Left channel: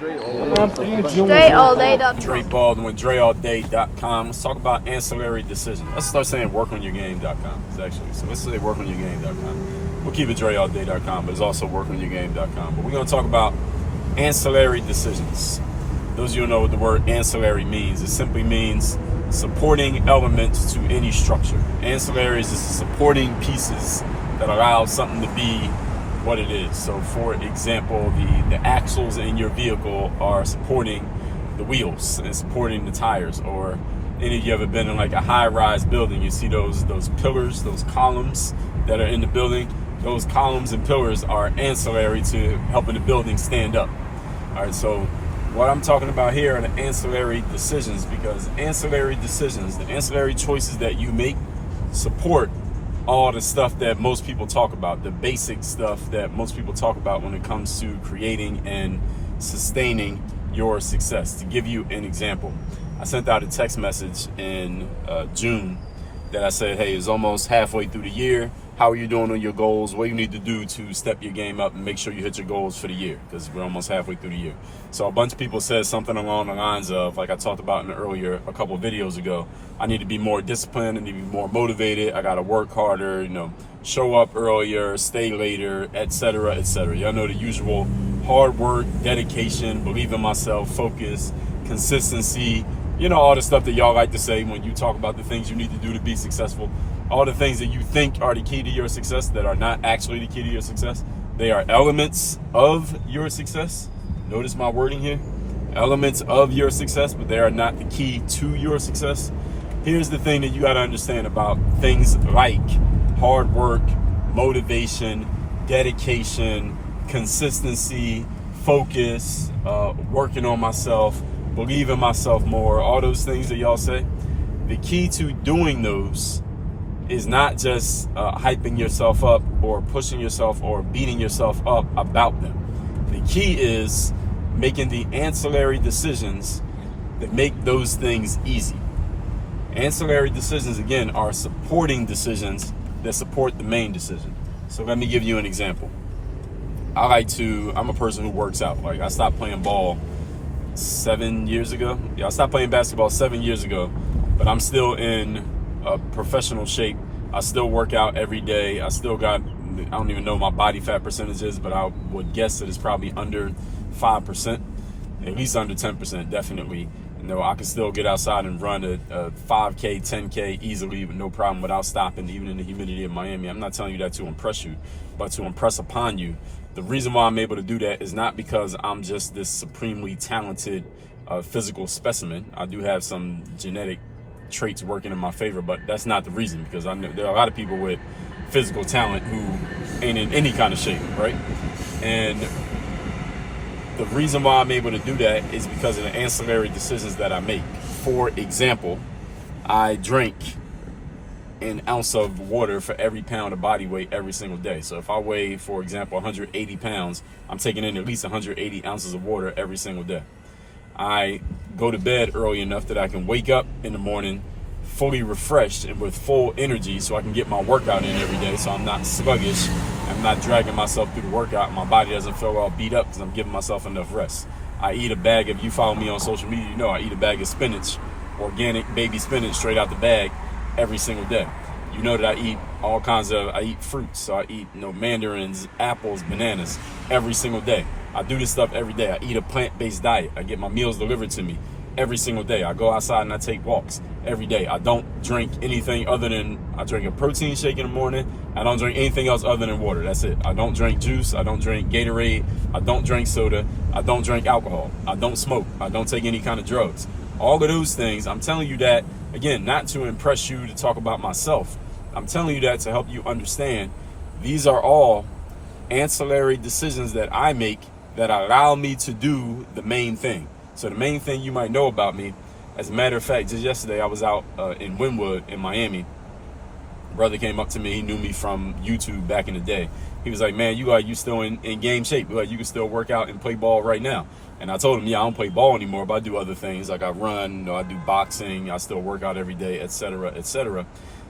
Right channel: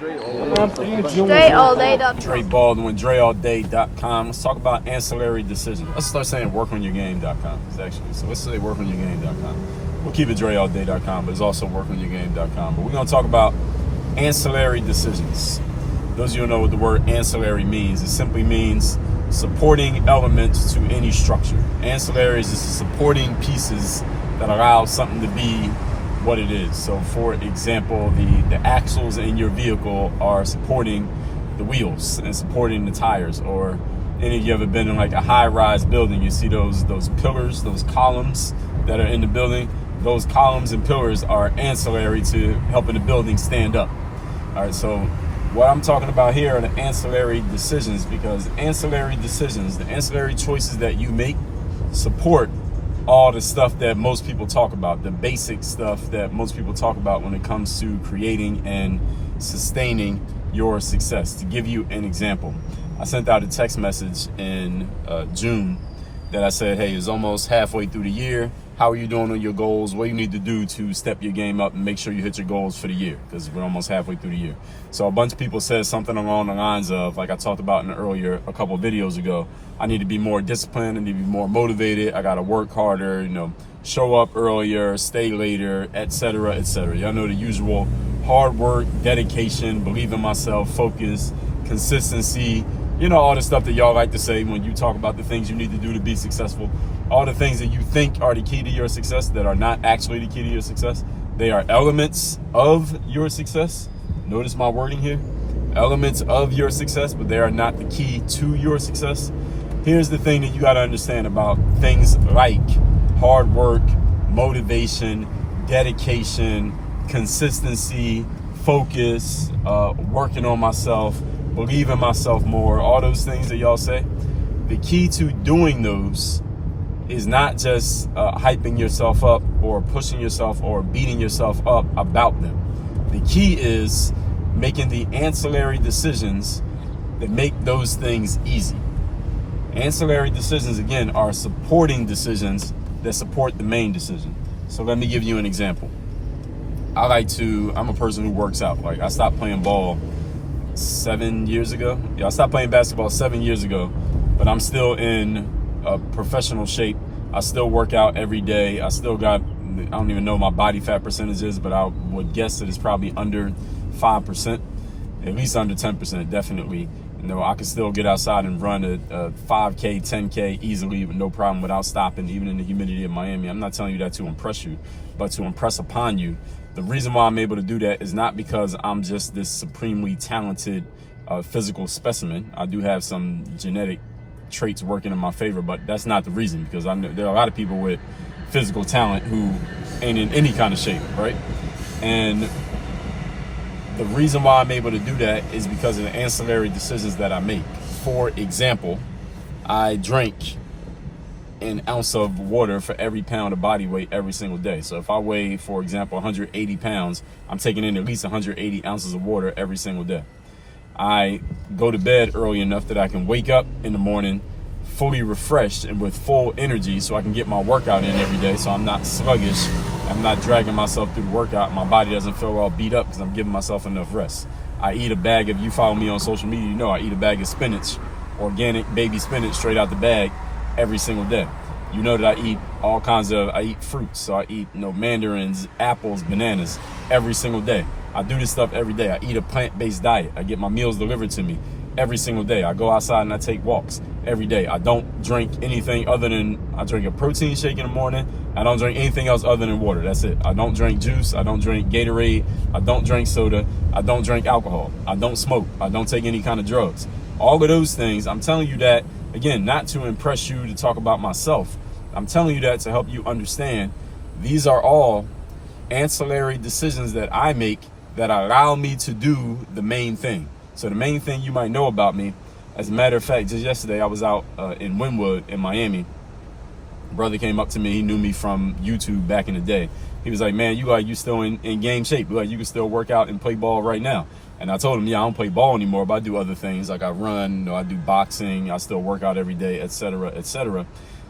DreAllDay.com. Dre Baldwin, DreAllDay.com. Let's talk about ancillary decisions. Let's start saying workonyourgame.com. Actually, so let's say workonyourgame.com. We'll keep it DreAllDay.com, but it's also workonyourgame.com. But we're gonna talk about ancillary decisions. Those of you who know what the word ancillary means, it simply means supporting elements to any structure. Ancillary is just supporting pieces that allow something to be what it is. So for example, the axles in your vehicle are supporting the wheels and supporting the tires. Or any of you ever been in like a high-rise building, you see those pillars, those columns that are in the building. Those columns and pillars are ancillary to helping the building stand up. All right, so what I'm talking about here are the ancillary decisions, because ancillary decisions, the ancillary choices that you make, support all the stuff that most people talk about, the basic stuff that most people talk about when it comes to creating and sustaining your success. To give you an example, I sent out a text message in June that I said, hey, it's almost halfway through the year. How are you doing on your goals? What do you need to do to step your game up and make sure you hit your goals for the year? Because we're almost halfway through the year. So a bunch of people said something along the lines of, like I talked about a couple of videos ago, I need to be more disciplined, I need to be more motivated, I got to work harder, show up earlier, stay later, etc., etc. Y'all know the usual: hard work, dedication, believe in myself, focus, consistency, all the stuff that y'all like to say when you talk about the things you need to do to be successful. All the things that you think are the key to your success that are not actually the key to your success. They are elements of your success. Notice my wording here. Elements of your success, but they are not the key to your success. Here's the thing that you got to understand about things like hard work, motivation, dedication, consistency, focus, working on myself, believe in myself more, all those things that y'all say. The key to doing those is not just hyping yourself up or pushing yourself or beating yourself up about them. The key is making the ancillary decisions that make those things easy. Ancillary decisions, again, are supporting decisions that support the main decision. So let me give you an example. I'm a person who works out. Like, I stopped playing ball 7 years ago. I stopped playing basketball 7 years ago, but I'm still in professional shape. I still work out every day. I don't even know my body fat percentage is, but I would guess that it's probably under 5%, at least under 10%, definitely. I can still get outside and run a 5K, 10K easily with no problem without stopping, even in the humidity of Miami. I'm not telling you that to impress you, but to impress upon you. The reason why I'm able to do that is not because I'm just this supremely talented physical specimen. I do have some genetic traits working in my favor, but that's not the reason, because I know there are a lot of people with physical talent who ain't in any kind of shape, right? And the reason why I'm able to do that is because of the ancillary decisions that I make. For example, I drink an ounce of water for every pound of body weight every single day. So if I weigh, for example, 180 pounds, I'm taking in at least 180 ounces of water every single day. I go to bed early enough that I can wake up in the morning fully refreshed and with full energy, so I can get my workout in every day, so I'm not sluggish. I'm not dragging myself through the workout. My body doesn't feel all beat up because I'm giving myself enough rest. I eat a bag, if you follow me on social media, I eat a bag of spinach, organic baby spinach straight out the bag every single day. You know that I eat fruits. So I eat mandarins, apples, bananas every single day. I do this stuff every day. I eat a plant-based diet. I get my meals delivered to me every single day. I go outside and I take walks every day. I don't drink anything other than, I drink a protein shake in the morning. I don't drink anything else other than water. That's it. I don't drink juice. I don't drink Gatorade. I don't drink soda. I don't drink alcohol. I don't smoke. I don't take any kind of drugs. All of those things, I'm telling you that, again, not to impress you, to talk about myself. I'm telling you that to help you understand these are all ancillary decisions that I make that allow me to do the main thing. So the main thing you might know about me, as a matter of fact, just yesterday I was out in Wynwood in Miami. Brother came up to me. He knew me from YouTube back in the day. He was like, man, you still in game shape. You can still work out and play ball right now. And I told him, yeah, I don't play ball anymore, but I do other things. Like I run, I do boxing, I still work out every day, et cetera, et cetera.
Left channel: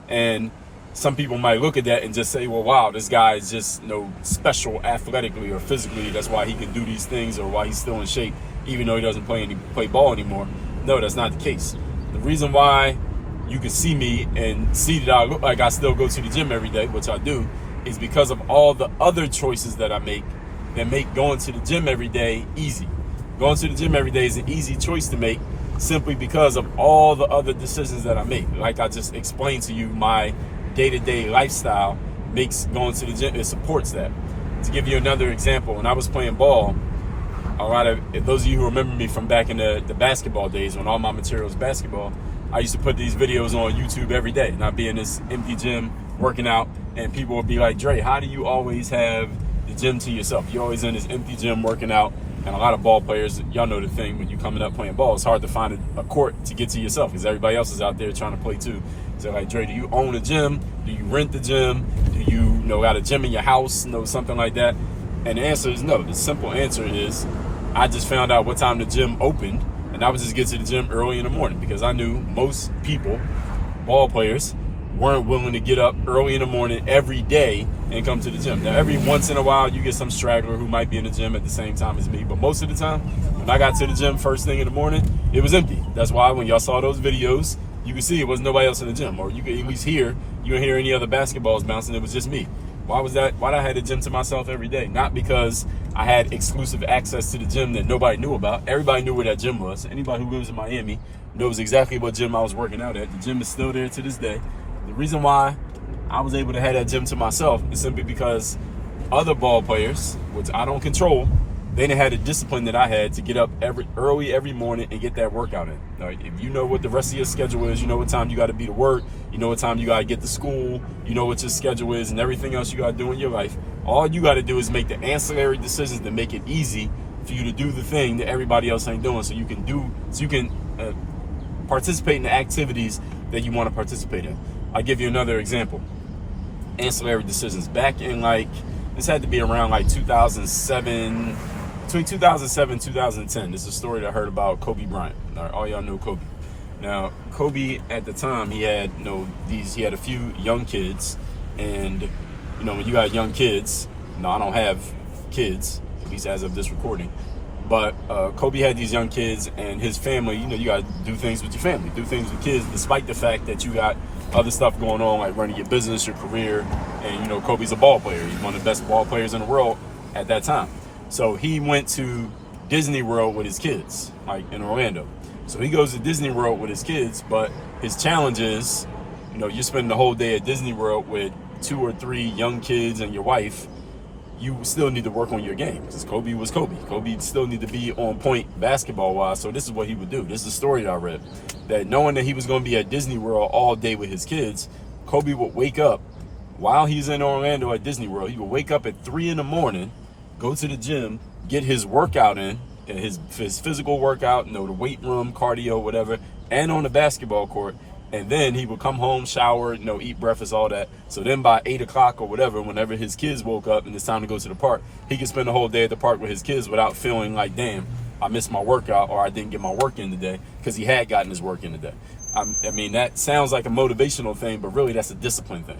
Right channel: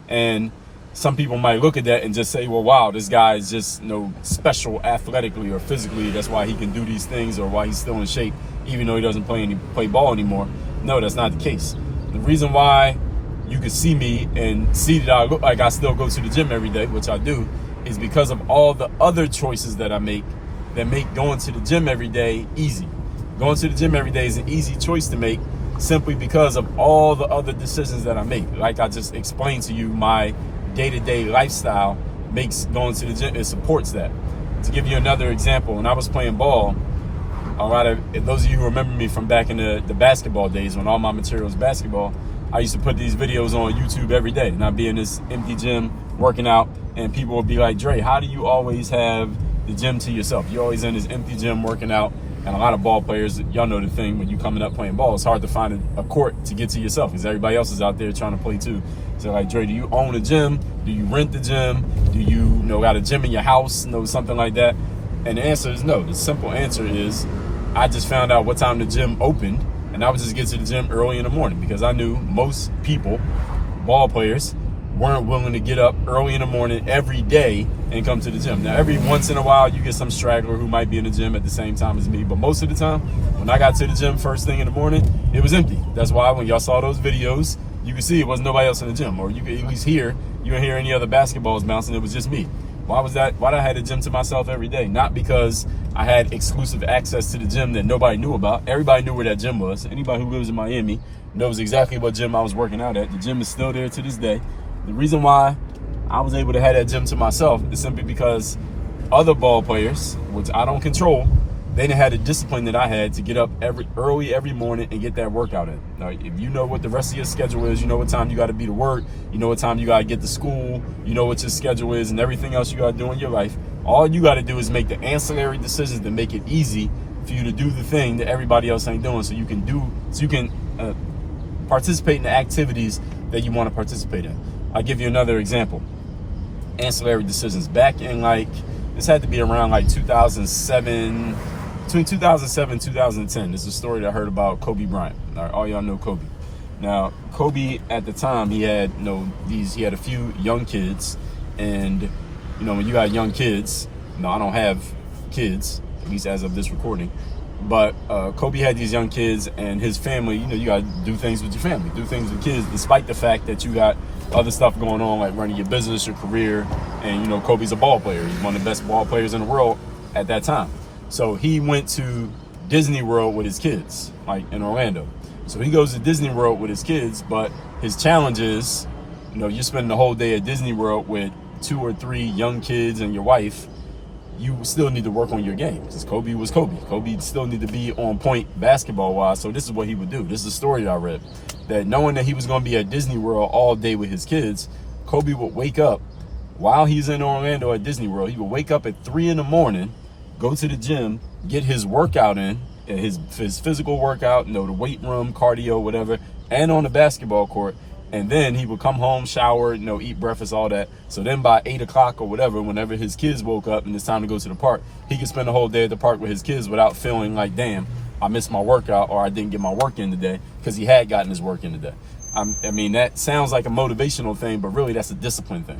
And some people might look at that and just say, well, wow, this guy is just special athletically or physically. That's why he can do these things, or why he's still in shape. even though he doesn't play ball anymore. No, that's not the case. The reason why you can see me and see that I look like I still go to the gym every day, which I do, is because of all the other choices that I make that make going to the gym every day easy. Going to the gym every day is an easy choice to make simply because of all the other decisions that I make. Like I just explained to you, my day-to-day lifestyle makes going to the gym, it supports that. To give you another example, when I was playing ball, those of you who remember me from back in the basketball days when all my material was basketball, I used to put these videos on YouTube every day, and I'd be in this empty gym working out, and people would be like, Dre, how do you always have the gym to yourself? You're always in this empty gym working out. And a lot of ball players, y'all know the thing, when you coming up playing ball, it's hard to find a court to get to yourself because everybody else is out there trying to play too. So like, Dre, do you own a gym? Do you rent the gym? Do you got a gym in your house? Something like that? And the answer is no. The simple answer is I just found out what time the gym opened, and I would just get to the gym early in the morning because I knew most people, ball players, weren't willing to get up early in the morning every day and come to the gym. Now, every once in a while, you get some straggler who might be in the gym at the same time as me, but most of the time, when I got to the gym first thing in the morning, it was empty. That's why when y'all saw those videos, you could see it wasn't nobody else in the gym, or you could at least hear, you didn't hear any other basketballs bouncing, it was just me. Why was that? Why did I have the gym to myself every day? Not because I had exclusive access to the gym that nobody knew about. Everybody knew where that gym was. Anybody who lives in Miami knows exactly what gym I was working out at. The gym is still there to this day. The reason why I was able to have that gym to myself is simply because other ball players, which I don't control, they didn't have the discipline that I had to get up early every morning and get that workout in. Now, if you know what the rest of your schedule is, you know what time you got to be to work, you know what time you got to get to school, you know what your schedule is and everything else you got to do in your life. All you got to do is make the ancillary decisions that make it easy for you to do the thing that everybody else ain't doing, so you can participate in the activities that you want to participate in. I'll give you another example. Ancillary decisions. Back in this had to be around 2007, between 2007 and 2010. This is a story that I heard about Kobe Bryant. All y'all know Kobe. Now, Kobe at the time, he had he had a few young kids, and when you got young kids, I don't have kids, at least as of this recording, but Kobe had these young kids and his family. You got to do things with your family, do things with kids, despite the fact that you got other stuff going on, like running your business, your career, and Kobe's a ball player. He's one of the best ball players in the world at that time. So he went to Disney World with his kids, in Orlando. So he goes to Disney World with his kids, but his challenge is, you're spending the whole day at Disney World with 2 or 3 young kids and your wife. You still need to work on your game because Kobe was Kobe. Kobe still need to be on point basketball-wise. So this is what he would do. This is a story that I read, that knowing that he was going to be at Disney World all day with his kids, Kobe would wake up while he's in Orlando at Disney World. He would wake up at 3 in the morning, go to the gym, get his workout in, his physical workout, the weight room, cardio, whatever, and on the basketball court. And then he would come home, shower, eat breakfast, all that. So then by 8 o'clock or whatever, whenever his kids woke up and it's time to go to the park, he could spend the whole day at the park with his kids without feeling like, damn, I missed my workout or I didn't get my work in today, because he had gotten his work in today. That sounds like a motivational thing, but really that's a discipline thing.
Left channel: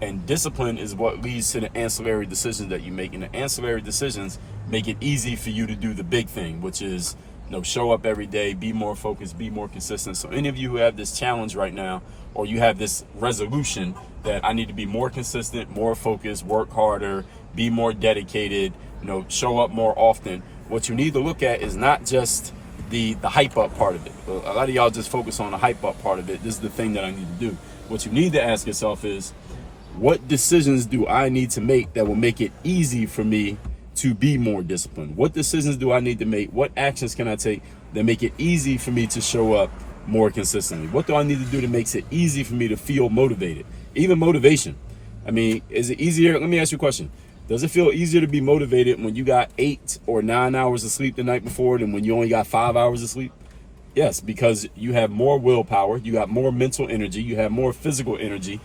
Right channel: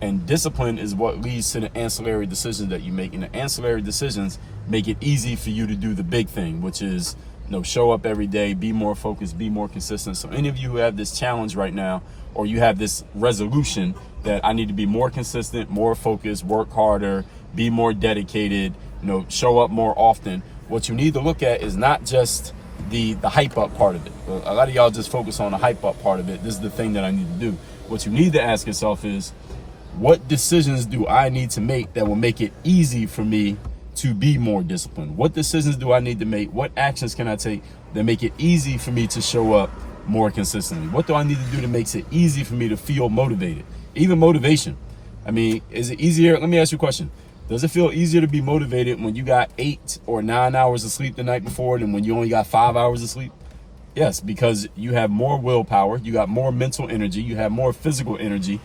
And discipline is what leads to the ancillary decisions that you make. And the ancillary decisions make it easy for you to do the big thing, which is show up every day, be more focused, be more consistent. So any of you who have this challenge right now, or you have this resolution that I need to be more consistent, more focused, work harder, be more dedicated, show up more often, what you need to look at is not just the hype up part of it. A lot of y'all just focus on the hype up part of it. This is the thing that I need to do. What you need to ask yourself is, what decisions do I need to make that will make it easy for me to be more disciplined? What decisions do I need to make? What actions can I take that make it easy for me to show up more consistently? What do I need to do that makes it easy for me to feel motivated? Even motivation. Is it easier? Let me ask you a question. Does it feel easier to be motivated when you got 8 or 9 hours of sleep the night before than when you only got 5 hours of sleep? Yes, because you have more willpower, you got more mental energy, you have more physical energy.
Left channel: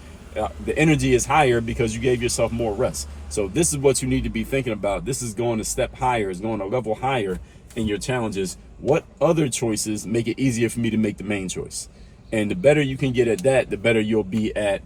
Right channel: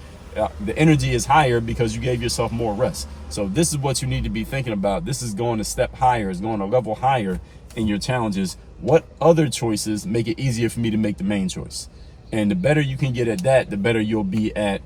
The energy is higher because you gave yourself more rest. So this is what you need to be thinking about. This is going a step higher, is going a level higher in your challenges. What other choices make it easier for me to make the main choice? And the better you can get at that, the better you'll be at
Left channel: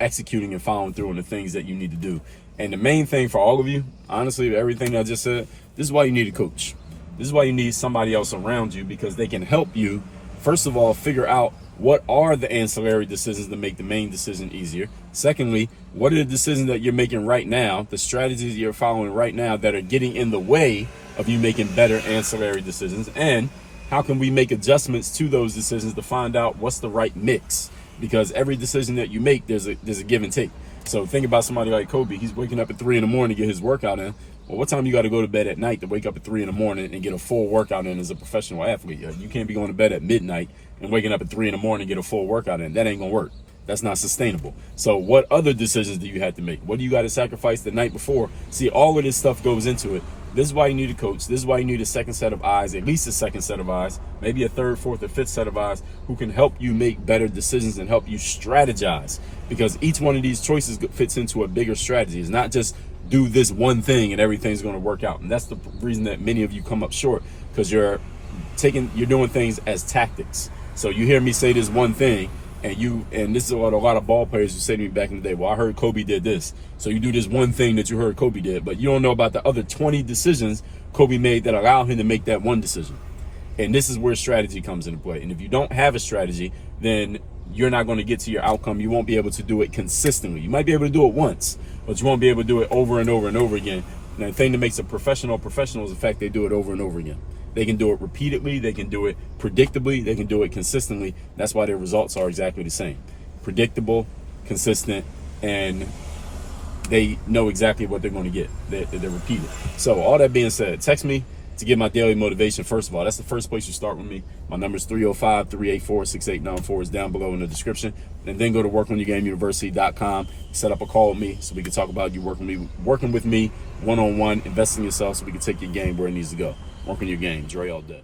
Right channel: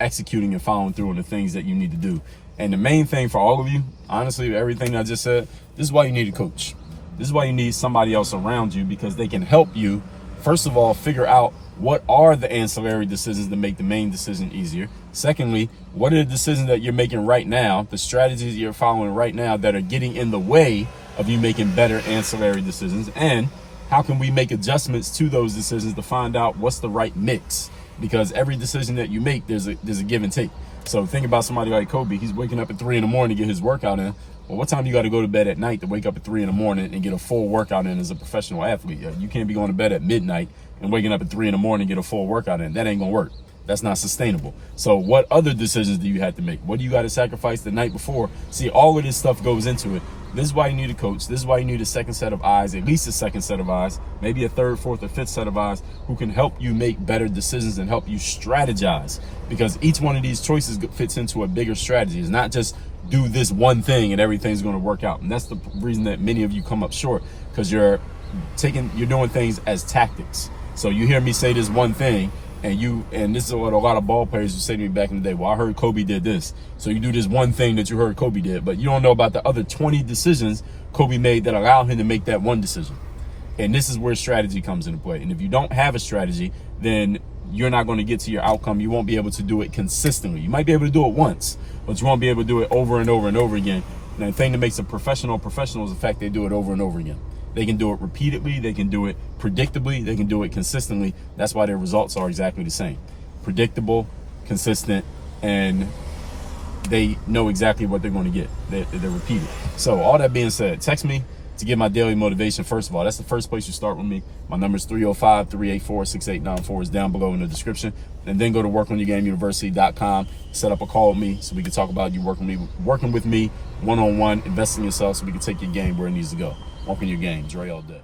executing and following through on the things that you need to do. And the main thing for all of you, honestly, everything I just said, this is why you need a coach. This is why you need somebody else around you, because they can help you, first of all, figure out what are the ancillary decisions to make the main decision easier. Secondly, what are the decisions that you're making right now, the strategies you're following right now that are getting in the way of you making better ancillary decisions, and how can we make adjustments to those decisions to find out what's the right mix? Because every decision that you make, there's a give and take. So think about somebody like Kobe. He's waking up at 3 in the morning to get his workout in. Well, what time you got to go to bed at night to wake up at 3 in the morning and get a full workout in as a professional athlete? You can't be going to bed at midnight and waking up at 3 in the morning and get a full workout in. That ain't gonna work. That's not sustainable. So what other decisions do you have to make? What do you got to sacrifice the night before? See, all of this stuff goes into it. This is why you need a coach. This is why you need a second set of eyes, at least a second set of eyes, maybe a third, fourth, or fifth set of eyes, who can help you make better decisions and help you strategize. Because each one of these choices fits into a bigger strategy. It's not just do this one thing and everything's going to work out. And that's the reason that many of you come up short, because you're doing things as tactics. So you hear me say this one thing, and this is what a lot of ball players would say to me back in the day. Well, I heard Kobe did this. So you do this one thing that you heard Kobe did, but you don't know about the other 20 decisions Kobe made that allow him to make that one decision. And this is where strategy comes into play. And if you don't have a strategy, then you're not going to get to your outcome. You won't be able to do it consistently. You might be able to do it once, but you won't be able to do it over and over and over again. And the thing that makes a professional is the fact they do it over and over again. They can do it repeatedly. They can do it predictably. They can do it consistently. That's why their results are exactly the same. Predictable, consistent, and they know exactly what they're going to get. They're repeated. So all that being said, text me to get my daily motivation. First of all, that's the first place you start with me. My number is 305-384-6894. Is down below in the description. And then go to workonyourgameuniversity.com. Set up a call with me so we can talk about you working with me one-on-one, invest in yourself so we can take your game where it needs to go. Work on your game. Dre all day.